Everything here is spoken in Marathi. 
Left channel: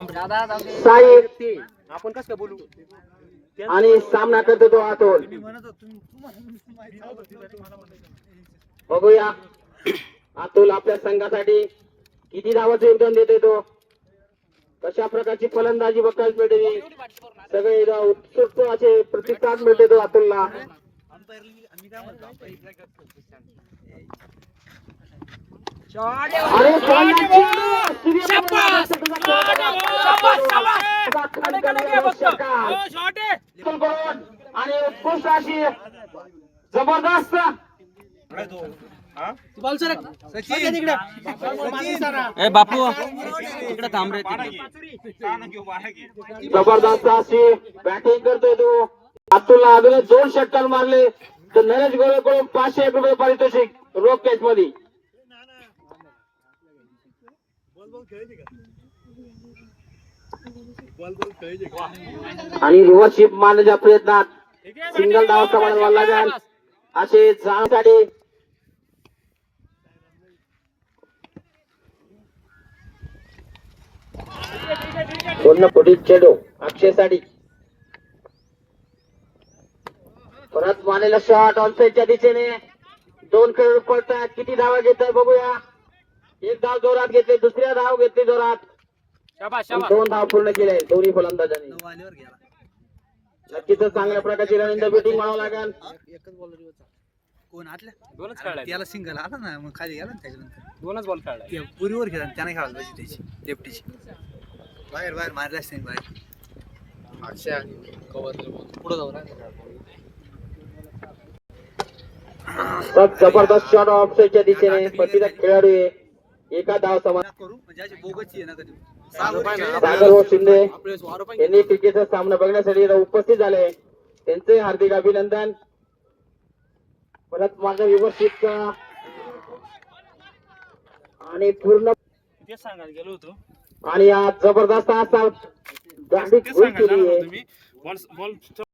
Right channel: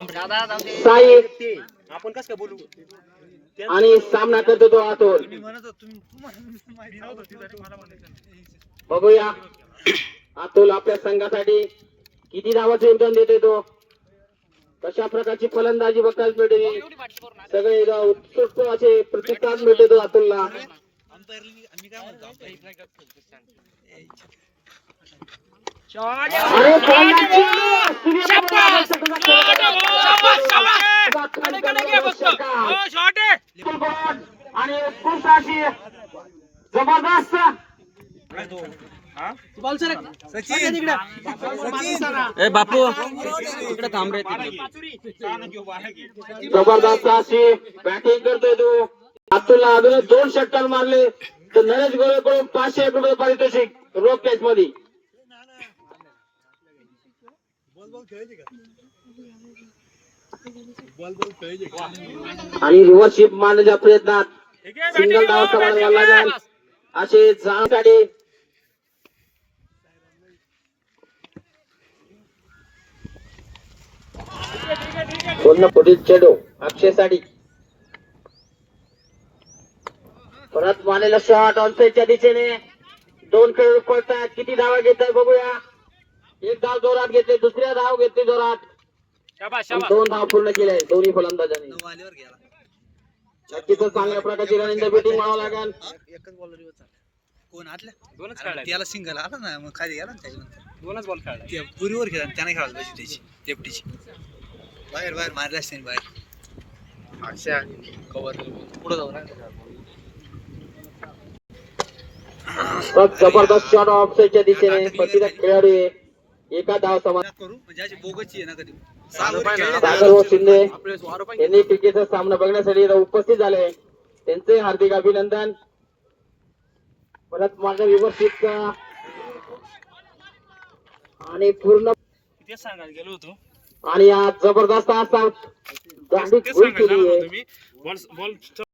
साई आपण कसं काय बोलू आणि सामना करतो तो अतुल. बघूया अतुल आपल्या संघासाठी किती धावांचे योगदान देते तो, कशा प्रकारची फलंदाजी बघायला मिळते. सगळे उत्सुक असे प्रतिसाद मिळते तो अतुलला. जबरदस्त बापू इकडे थांब रे. जबरदस्त अशी बॅटिंग करतोय तो अतुलला. अजून 2 षटकार मारले तर नरेश गोरेकडून 500 रुपये पारितोषिक रोख कॅच मध्ये. आणि रिव्हर्सशिप मारण्याच्या प्रयत्नात सिंगल धाव समाधान लागेल असे जाण्यासाठी पूर्ण पुढील चेंडू अक्षयसाठी परत मारलेला शॉट ऑनसाइडच्या दिशेने. 2 खेळाडू पडतात. किती धावा घेत आहे बघूया. 1 धाव जोरात घेतले, दुसऱ्या धाव घेतली जोरात. 2 धाव पूर्ण केले दोन्ही फलंदाजांनी. नक्कीच चांगल्या प्रकारची रनिंग बॅटिंग म्हणावं लागेल. कोण आतल्या 2च खेळला त्याला सिंगल आला ना, मग खाली गेला ना त्याच्यानंतर 2च बॉल खेळला. ते पुरीवर खेळला त्याने खेळायला पाहिजे त्याची लेफ्टीची. बाहेर बाहेर मारला असते बाहेर. अक्षय कव्हर पुढे जाऊ ना. जबरदस्त शॉट ऑफसाइडच्या दिशेने. प्रतिदा खेळाडू एका धाव समाधान करू म्हणजे अशी बोगसची आहे ना कधी. सागर व शिंदे यांनी क्रिकेटचा सामना बघण्यासाठी उपस्थित झाले. त्यांचे हार्दिक अभिनंदन. परत मागे व्यवस्थित आणि पूर्ण तेच सांगायला गेलो होतो. आणि जबरदस्त असा तेच सांगायला तुम्ही बॉल